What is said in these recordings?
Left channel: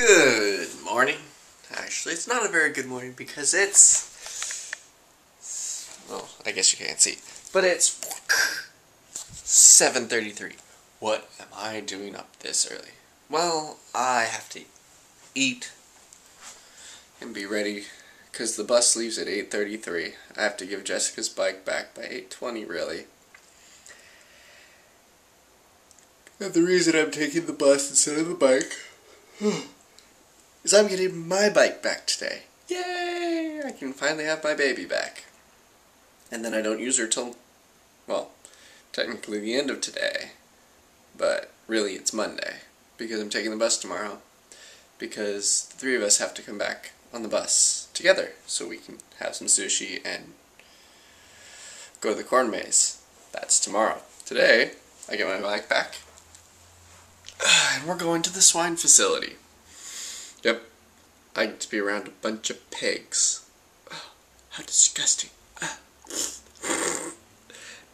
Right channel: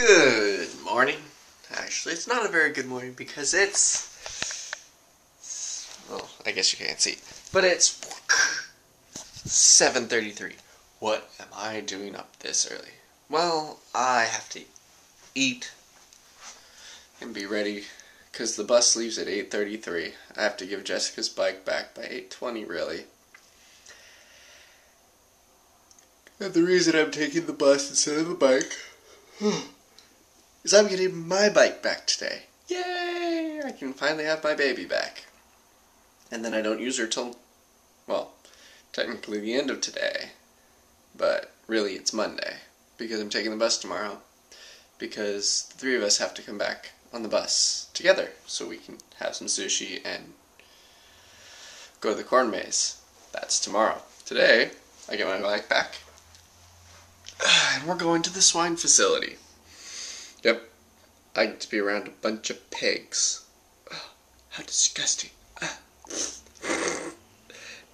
Good morning. Actually, it's not a very good morning because it's, well, I guess you can't see, but it's 7:33. What am I doing up this early? Well, I have to eat and be ready because the bus leaves at 8:33. I have to give Jessica's bike back by 8:20, really. And the reason I'm taking the bus instead of the bike is I'm getting my bike back today. Yay! I can finally have my baby back. And then I don't use her till, well, technically the end of today. But really it's Monday, because I'm taking the bus tomorrow. Because the three of us have to come back on the bus together so we can have some sushi and go to the corn maze. That's tomorrow. Today, I get my bike back. And we're going to the swine facility. Yep. I get to be around a bunch of pigs. Oh, how disgusting.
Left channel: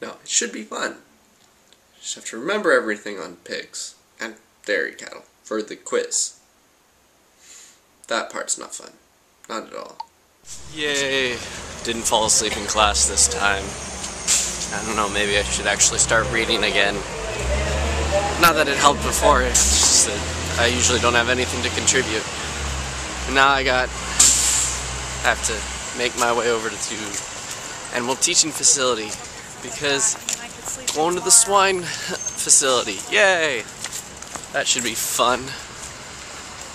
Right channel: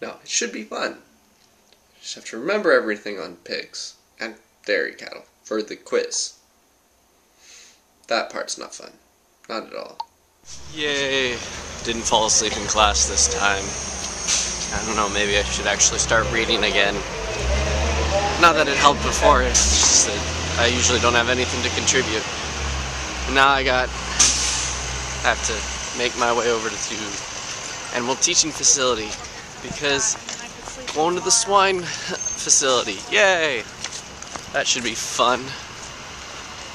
No, it should be fun. You just have to remember everything on pigs and dairy cattle for the quiz. That part's not fun. Not at all. Yay. Didn't fall asleep in class this time. I don't know, maybe I should actually start reading again. Not that it helped before, it's just that I usually don't have anything to contribute. And now I have to make my way over to animal teaching facility because going to the swine facility, yay! That should be fun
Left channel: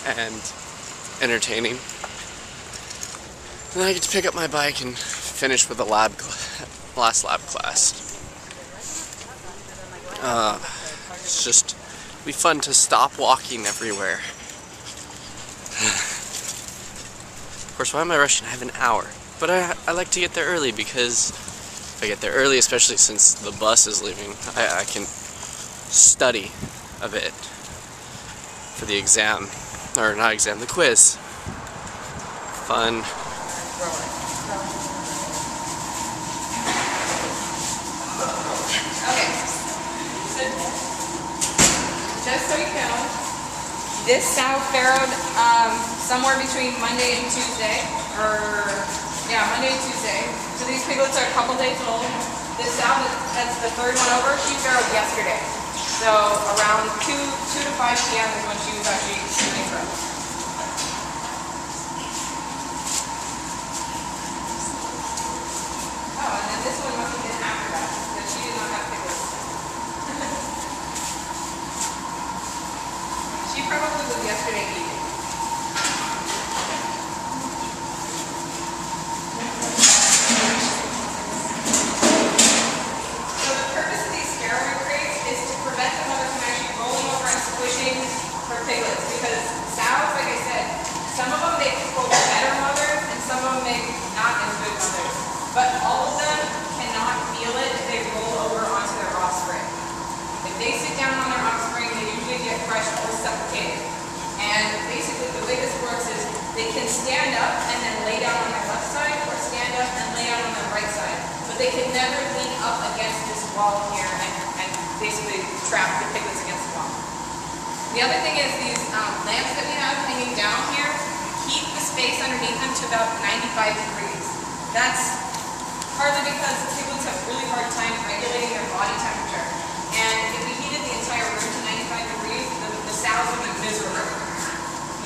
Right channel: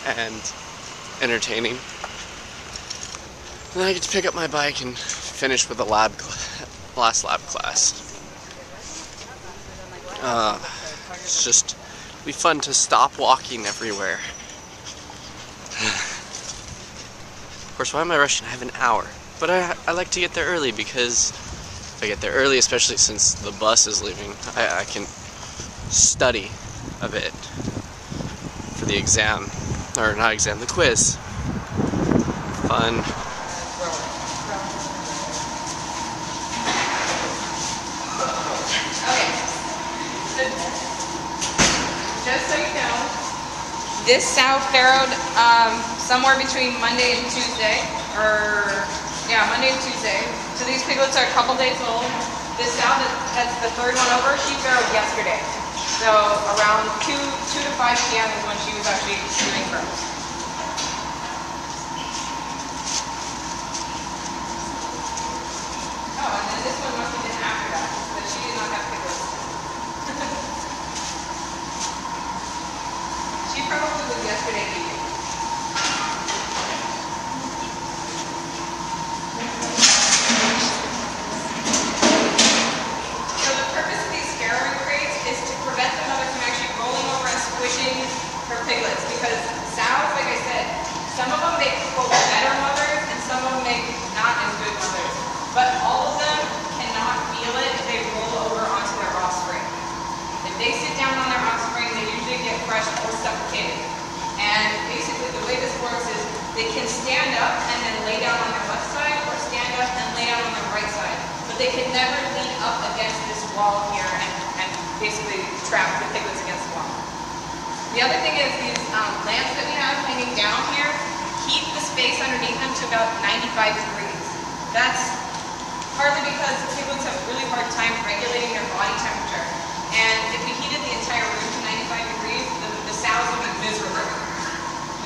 and entertaining. And then I get to pick up my bike and finish with the last lab class. It's just be fun to stop walking everywhere. Of course, why am I rushing? I have an hour. But I like to get there early because if I get there early, especially since the bus is leaving, I can study a bit for the exam. Or not exam, the quiz. Fun. Just so you know, this sow farrowed somewhere between Monday and Tuesday, Monday and Tuesday. So these piglets are a couple days old. This sow that's the third one over, she farrowed yesterday. So around 2 to 5 p.m. is when she was actually doing birth. Oh, and then this one must have been after that, but she did not have piglets. She probably was yesterday evening. So the purpose of these farrowing crates is to prevent the mother from actually rolling over and squishing her piglets. Because sows, like I said, some of them make better mothers and some of them make not as good mothers. But all of them cannot feel it if they roll over onto their offspring. If they sit down on their offspring, they usually get crushed or suffocated. And basically the way this works is they can stand up and then lay down on their left side or stand up and lay out on their right side. But they can never lean up against this wall here and basically trap the piglets against the wall. The other thing is these lamps that we have hanging down here keep the space underneath them to about 95 degrees. That's partly because piglets have a really hard time regulating their body temperature. And if we heated the entire room to 95 degrees, the sows would be miserable.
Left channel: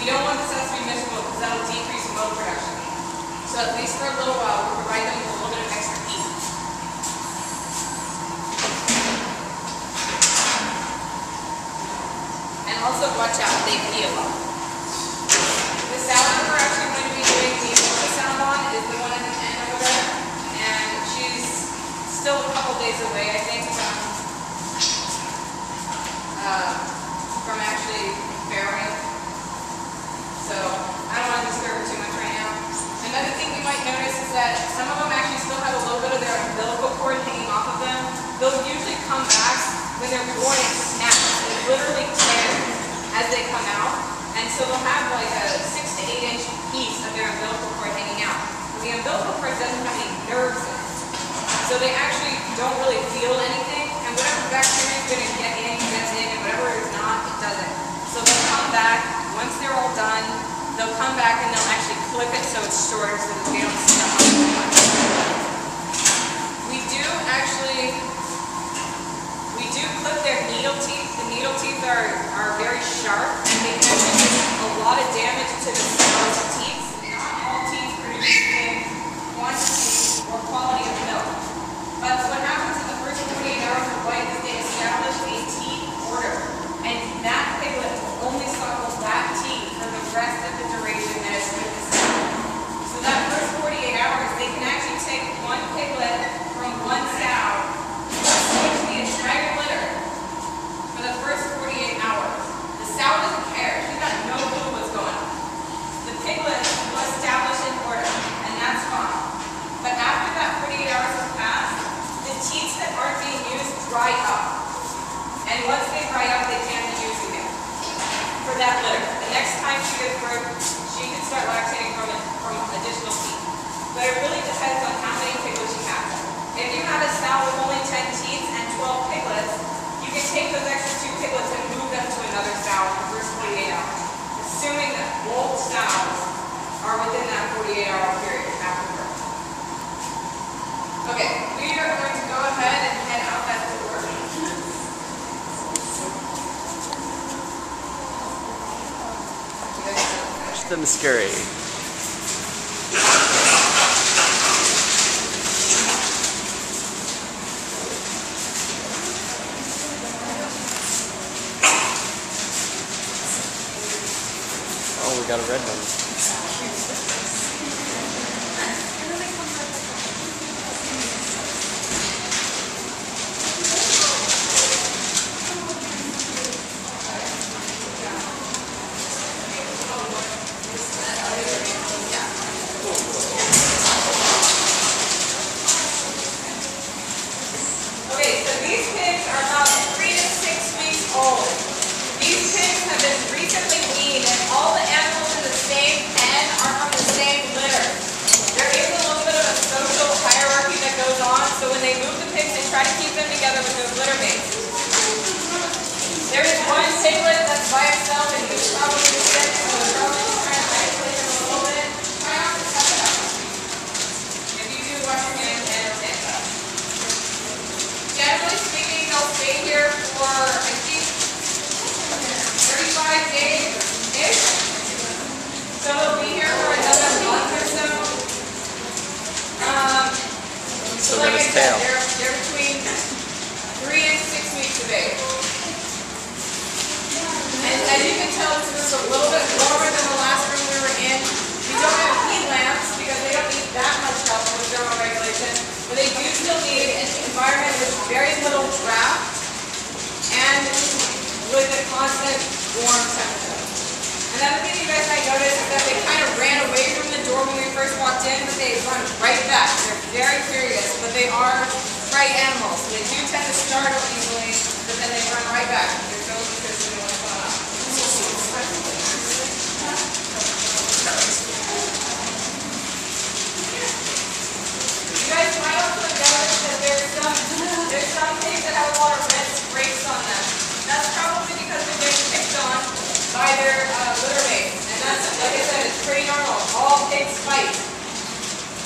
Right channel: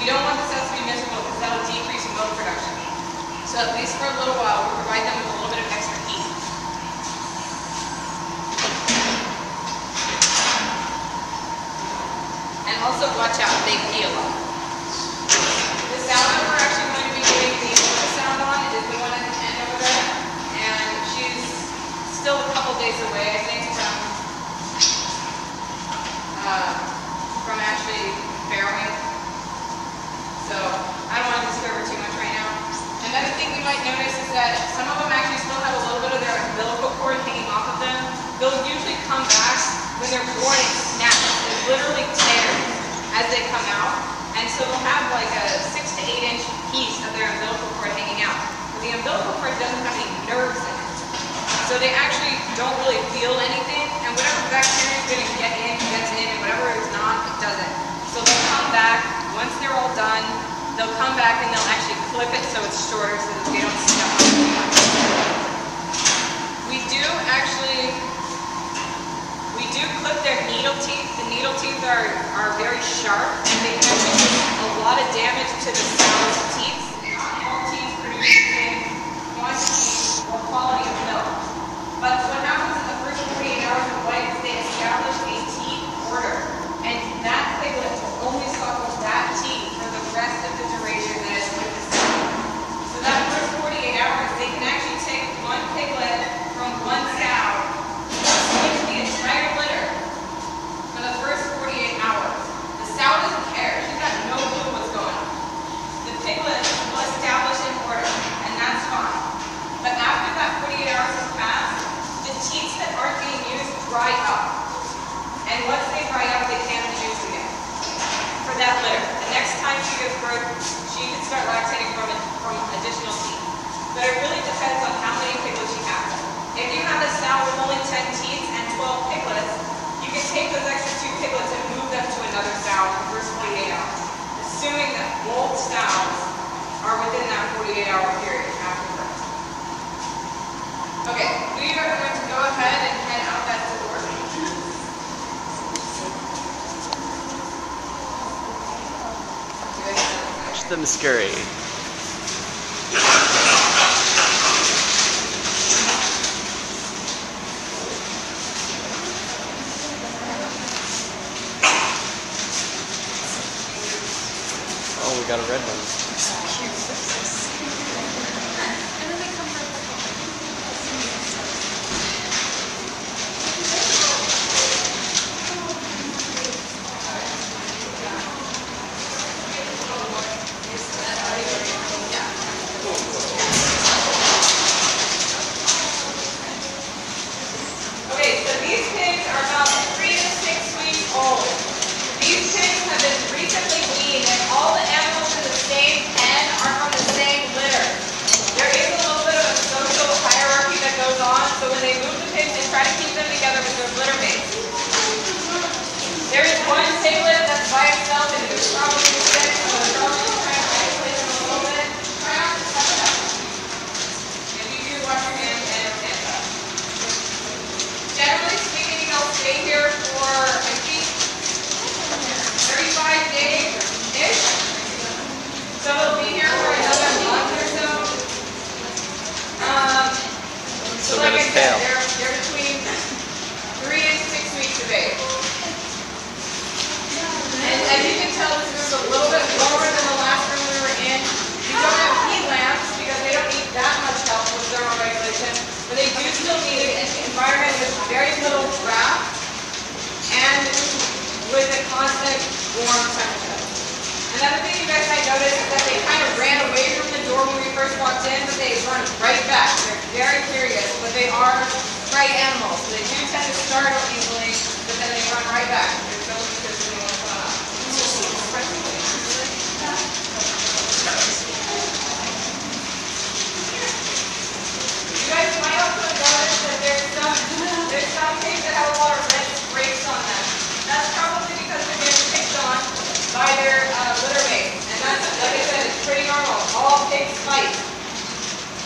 You don't want the sows to be miserable because that will decrease milk production. So at least for a little while, we'll provide them with a little bit of extra heat. And also watch out, they pee a lot. The sow that we're actually going to be doing the ultrasound on is the one at the end over there. And she's still a couple days away, I think, from actually farrowing. So I don't want to disturb her too much right now. Another thing we might notice is that some of them actually still have a little bit of their umbilical cord hanging off of them. They'll usually come back when they're born and snap. They literally tear as they come out. And so they'll have like a 6 to 8 inch piece of their umbilical cord hanging out. But the umbilical cord doesn't have any nerves in it. So they actually don't really feel anything. And whatever bacteria is going to get in, gets in. And whatever is not, it doesn't. So they'll come back once they're all done. clip it so it's shorter so that they don't stuck on too much. We do clip their needle teeth. The needle teeth are very sharp and they can actually do a lot of damage to the sow's teeth. Not all teeth produce the same quantity or quality of milk. But what happens in the first 48 hours of life is they establish a teeth order. And that piglet will only suckle that teeth for the rest of the duration that it's with the sow. So that first 48 hours, they can actually take one piglet from one sow, switch the entire litter for the first 48 hours. The sow doesn't care. She's got no clue what's going on. The piglet will establish an order, and that's fine. But after that 48 hours has passed, the teats that aren't being used dry up. And once they dry up, they can be used again for that litter. The next time she gives birth, she can start lactating from additional teeth. But it really depends on how many piglets she has. If you have a sow with only 10 teats and 12 piglets, you can take those extra 2 piglets and move them to another sow in the first 48 hours, assuming that both sows are within that 48-hour period after birth. Okay, we are going to go ahead and head out that door. Watch them scurry. Oh, we got a red one. So when they move the pigs, they try to keep them together with their litter mates. There is one piglet that's by itself and he's probably sick, so we're probably just trying to isolate him a little bit. Try not to suck it up. If you do, wash your hands and stand up. Generally speaking, they'll stay here for, I think, 35 days-ish. So they'll be here for another month or so. Still got his tail. They're between 3 and 6 weeks of age. And as you can tell, this is a little bit lower than the last room we were in. We don't have heat lamps because they don't need that much help with thermoregulation, but they do still need an environment with very little draft and with a constant warm temperature. Another thing you guys might notice is that they kind of ran away from the door when we first walked in, but they run right back. They're very curious, but they are prey animals. So they do tend to startle easily, but then they run right back. They're so interested in what's going on. You guys might also notice that there's some pigs that have a lot of red scrapes on them. That's probably because they're being picked on by their litter mates. And that's, like I said, it's pretty normal. All pigs fight.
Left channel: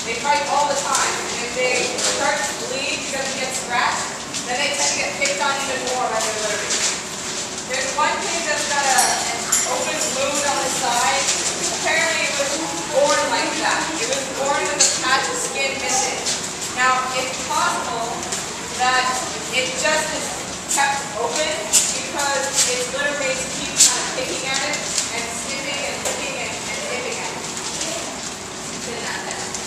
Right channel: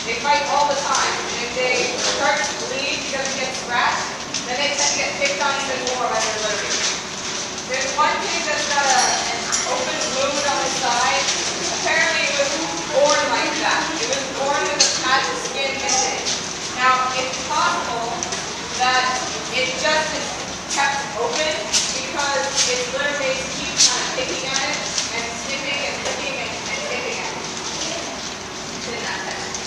They fight all the time. And if they start to bleed because they get scratched, then they tend to get picked on even more by their litter mates. There's one pig that's got an open wound on the side. Apparently it was born like that. It was born with a patch of skin missing. Now, it's possible that it just is kept open because its litter mates keep kind of picking at it and sniffing and picking and picking at it. It's in that test.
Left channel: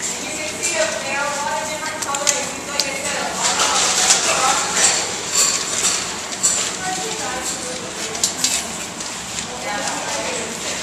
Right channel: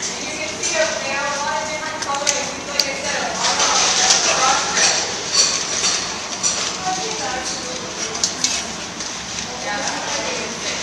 And you can see they have a lot of different colors. Like I said, a lot of cross red. Yeah, that's what I was saying.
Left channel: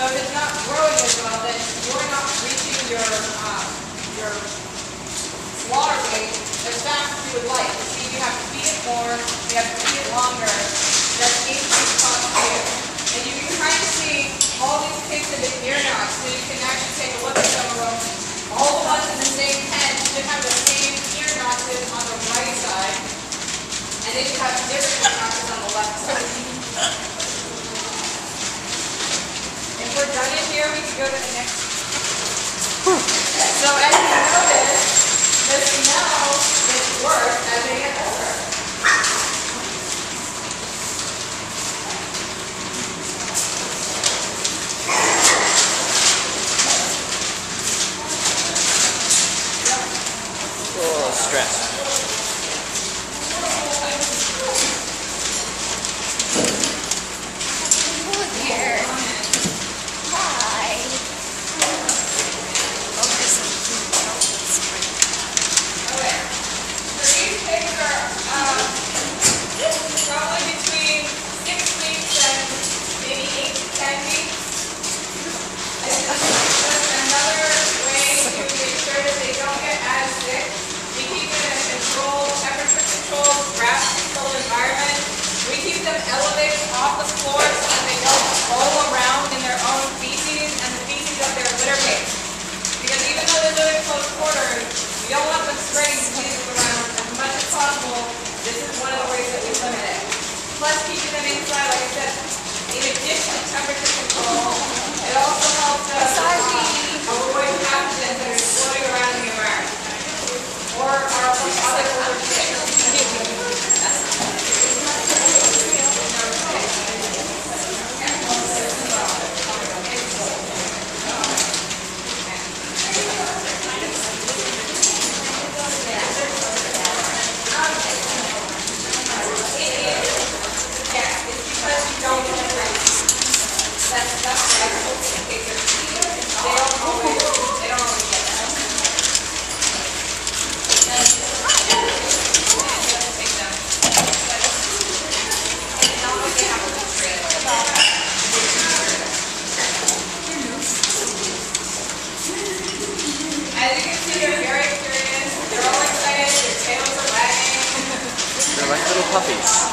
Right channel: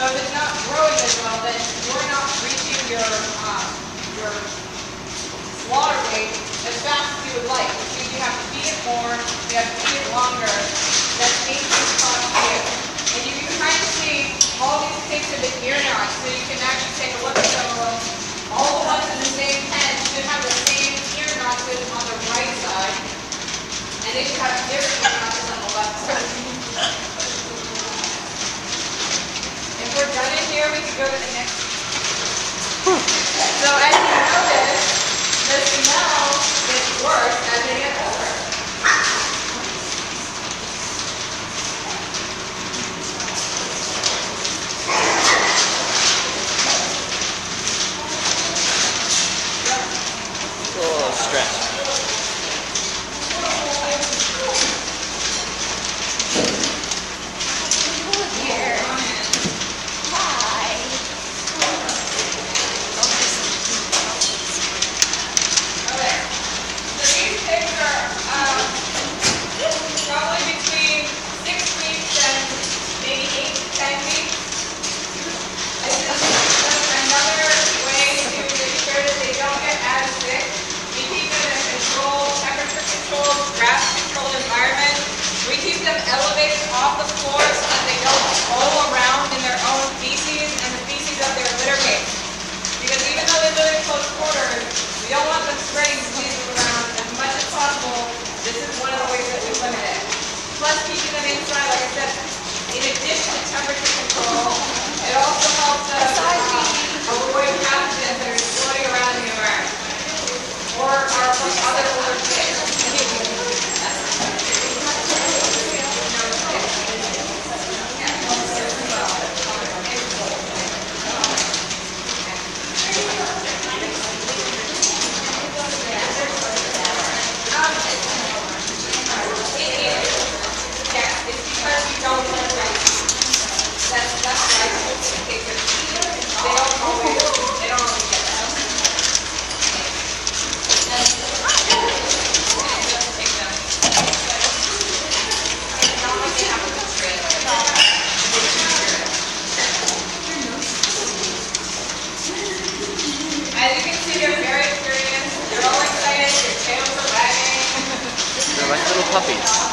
So if it's not growing as well, then you're not reaching your fast as you would like. You see, you have to feed it more, you have to feed it longer. That's increased cost for you. And you can kind of see all these pigs have been ear knots, so you can actually take a look at some of them. All the ones in the same pen should have the same ear notches on the right side, and they should have different ear notches on the left side. If we're done in here, we can go to the next. So as you notice, the smell gets worse as they get older. Oh, stress. Probably between 6 weeks and maybe 8 to 10 weeks. Another way to make sure that they don't get as sick, we keep them in a controlled, temperature-controlled, grass-controlled environment. We keep them elevated off the floor so that they don't roll around in their own feces and the feces of their litter mates. Because even though they live in close quarters, we don't want them spreading diseases around as much as possible. This is one of the ways that we limit it. Plus keeping them inside, like I said, in addition to temperature control, it also helps us avoid pathogens that are floating around in the environment. Or our other older pigs. As you can see, they're very experienced. They're all excited. Their tails are wagging. They're like little puppies.